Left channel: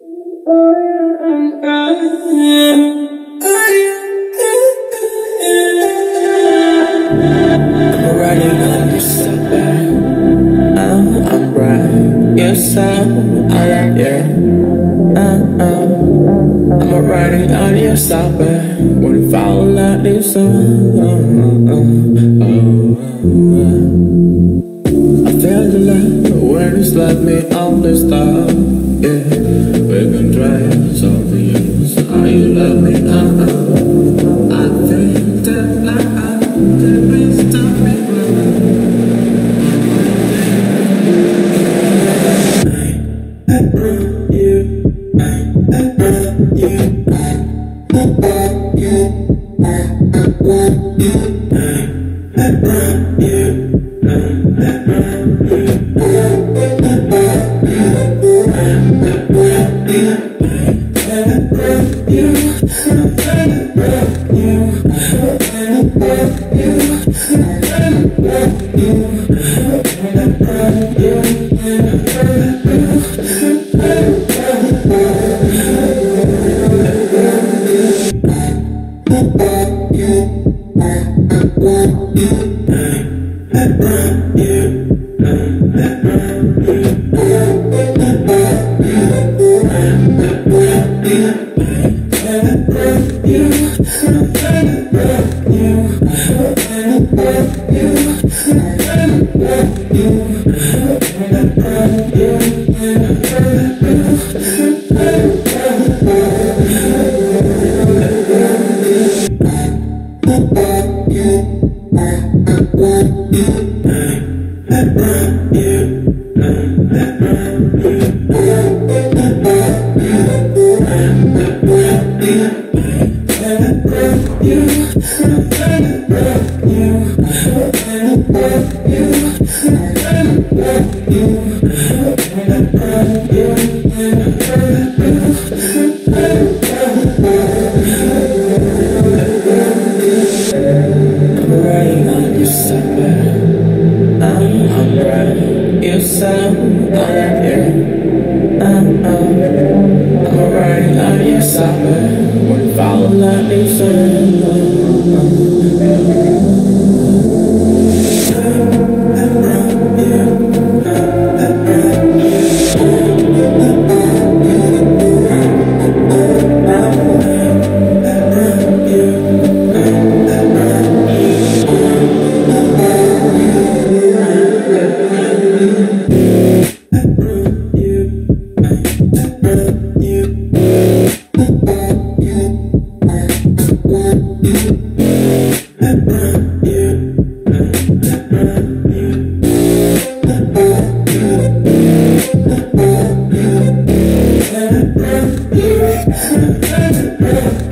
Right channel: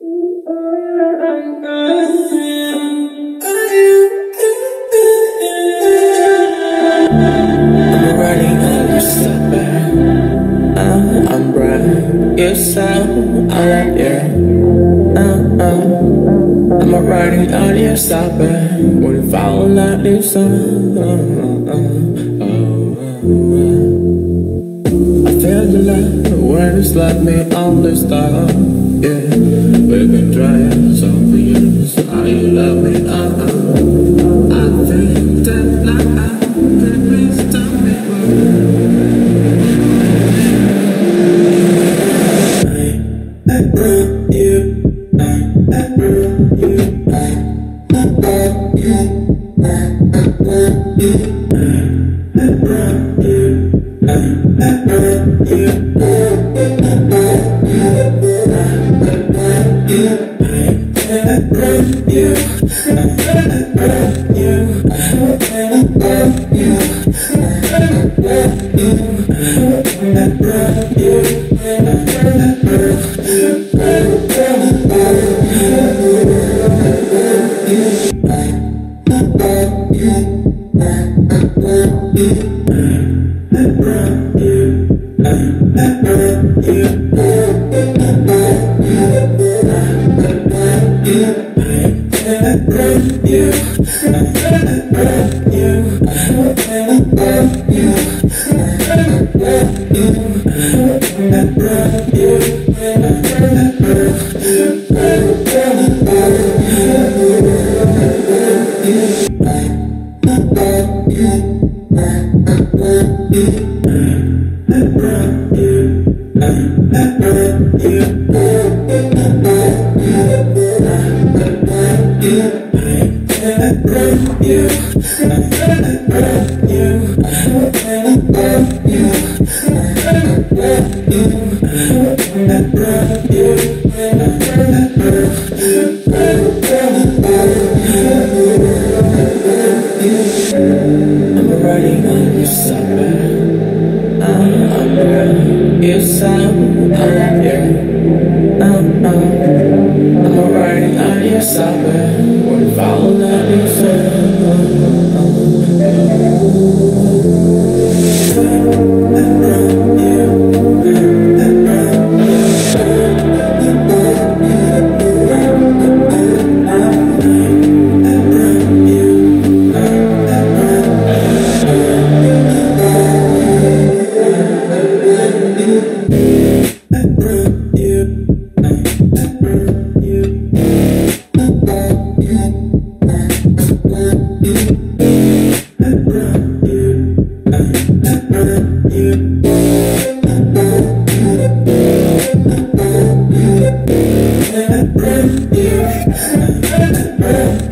Riding on your stepback, I'm bright. You sound, I like you. I'm riding on your stepback when you fall like this. I feel the light when it's like me on the star. Yeah, we can try something else. Are you love me? I feel that like I could please stop me running.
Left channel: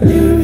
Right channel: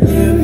You